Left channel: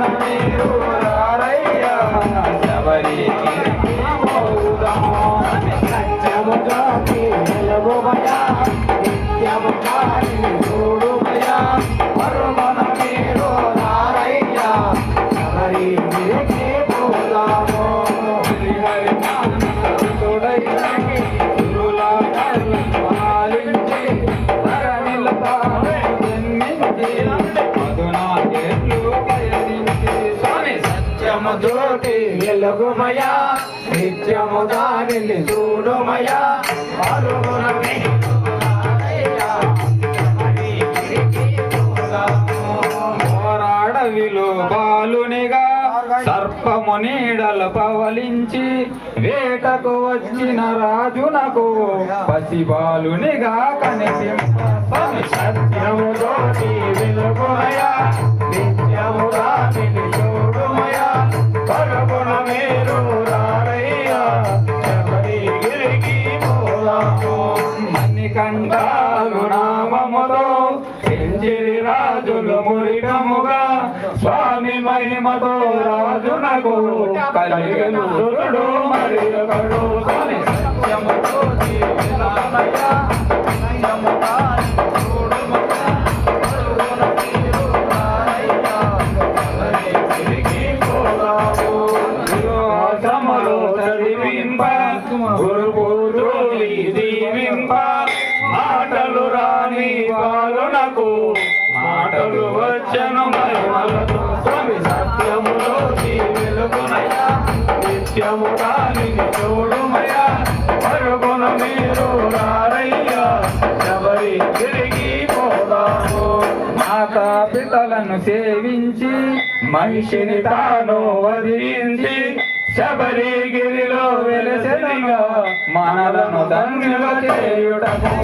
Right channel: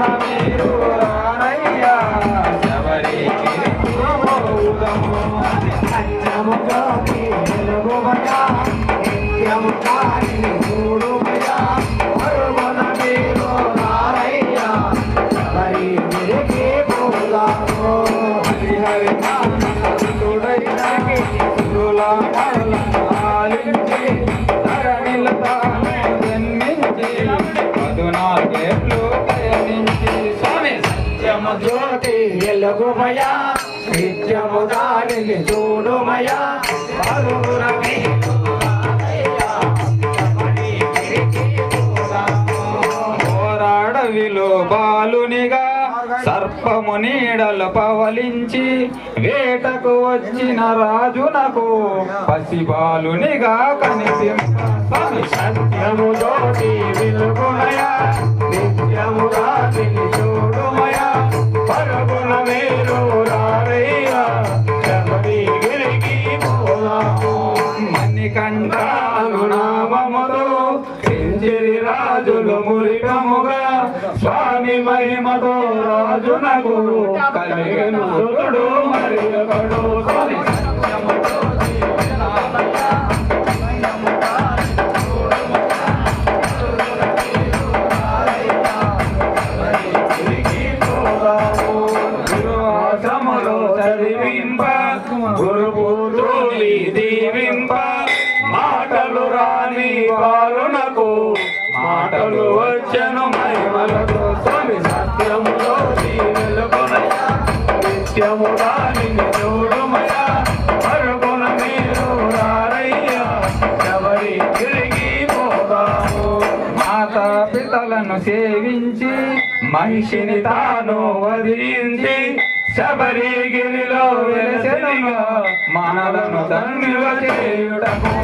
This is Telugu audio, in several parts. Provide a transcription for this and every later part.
పరుగున జ్యోతి వెలుగుమయా నిత్యము దానిని చూడుమయా. పలుగుర పోరాడవిలో బాలునిగా సర్పము నీడల పవలించి వేటకు వచ్చిన రాజునకు పసి బాలునిగా కనిపించి సత్యము తోటి వెలుగుమయా నామముతో కించిరి రాజులు మురికముగా స్వామి మహిమతో రాజునకు కలిగను. మరి ఒకడు నిత్యము రాని చూడుమయా పరుగున మీరు రారయ్యా ఎవరి తిరిగి పోదాము? మాతా పితలను సేవించి మహిషిని తాను వధించి శబరిగిరిలో వెలసెనిగా మనలను ధన్యుల చేయుటకు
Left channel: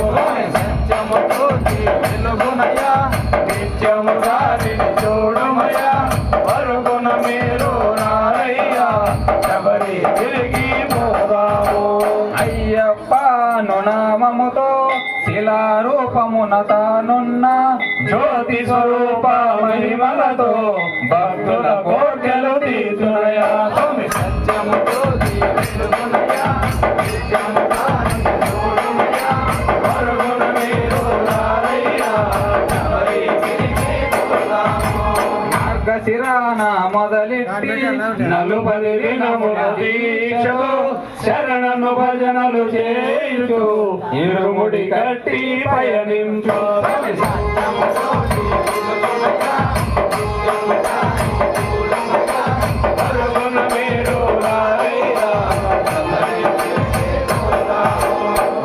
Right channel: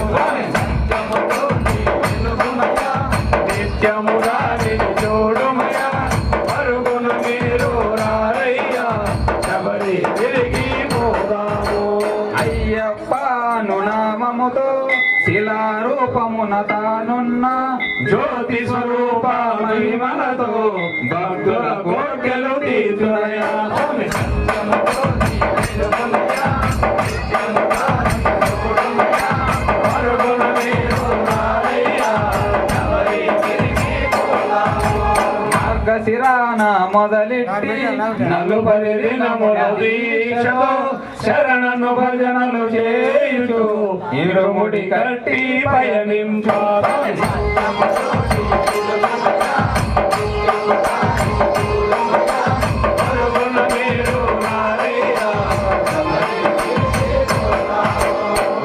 తాను నామముతో శిలారూపమున తానున్న జ్యోతి స్వరూప మహిమలతో భక్తుల కోర్కెలు మార్గశిరాన మొదలెట్టి నలుపది దినముల దీక్షతో శరణను భజనలు చేయుచు ఇరుముడి కట్టి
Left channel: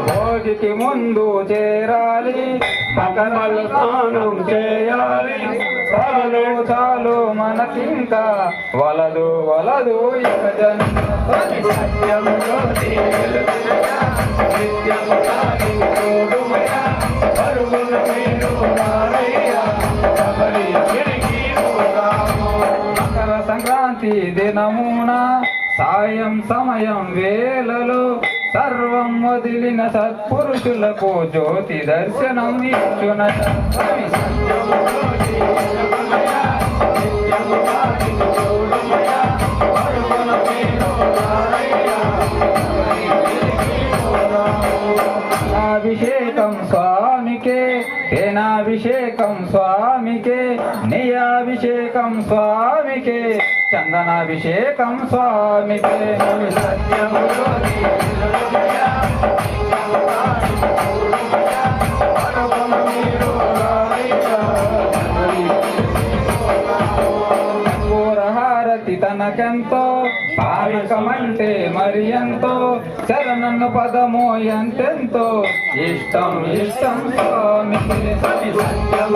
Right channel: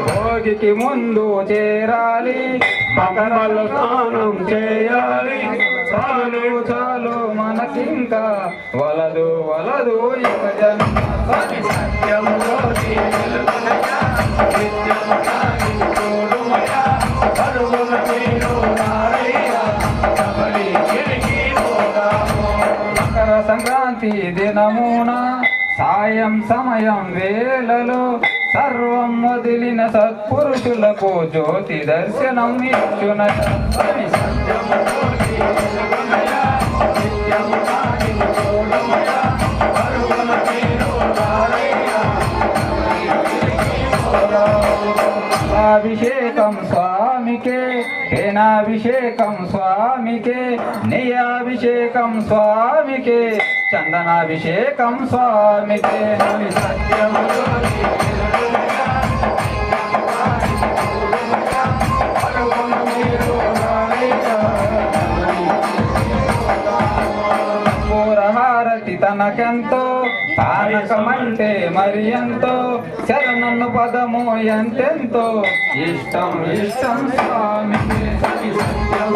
భోగికి ముందు చేరాలి పగలు స్నానం చేయాలి. చాలు చాలు మనకింకా. వలదు వలదు ఇక జన్మ. మకర సంక్రాంతి దినమున సాయం సమయం వేళలో సర్వ వదిలిన సత్పురుషులకు జ్యోతి దర్శనం ఇచ్చున. అభిషేకం స్వామికే ఏనాభిషేకం స్వామికే నియాభిషేకం స్వామికే. చందనాభిషేకం స్వామికే సత్యం తనకెంతో తానకమంటే మరి ఎంతో శరణను పదము ఎంతెంతో ఇష్టం ఇష్టం స్వామి సత్యం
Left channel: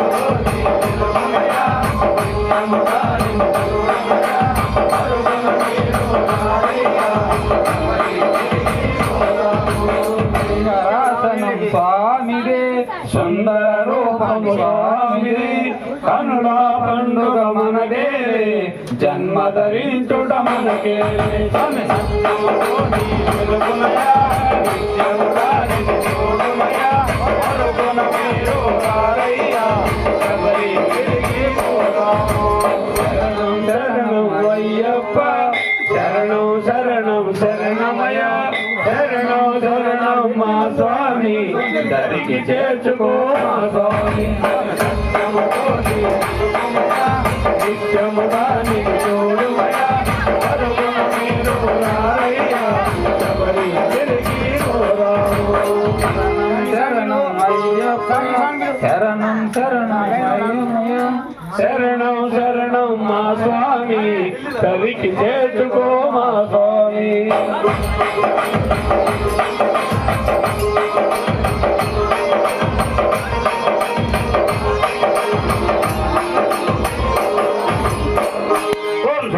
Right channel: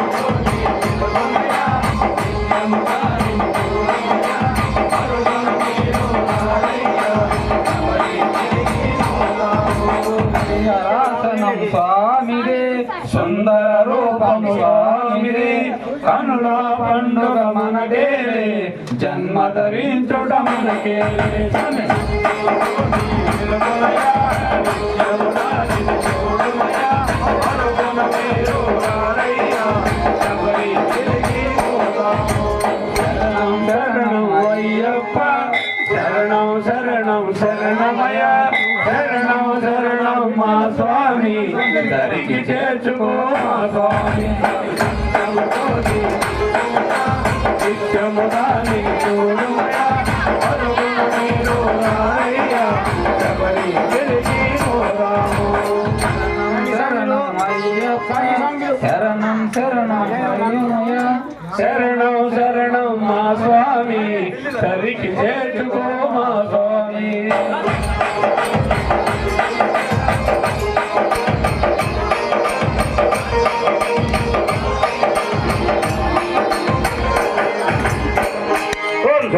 స్వామిదే కనుల పండుగ మనదేలే జన్మ ధరించుట మనకే శరణం శరణం అయ్యప్ప శరణం శరణం మా స్వామి. దరికి చేర్చుకో మా స్వామి. నిత్యముగా నీ శరణం శరణం శరణం మా స్వామి. తరికి చేర్చుకో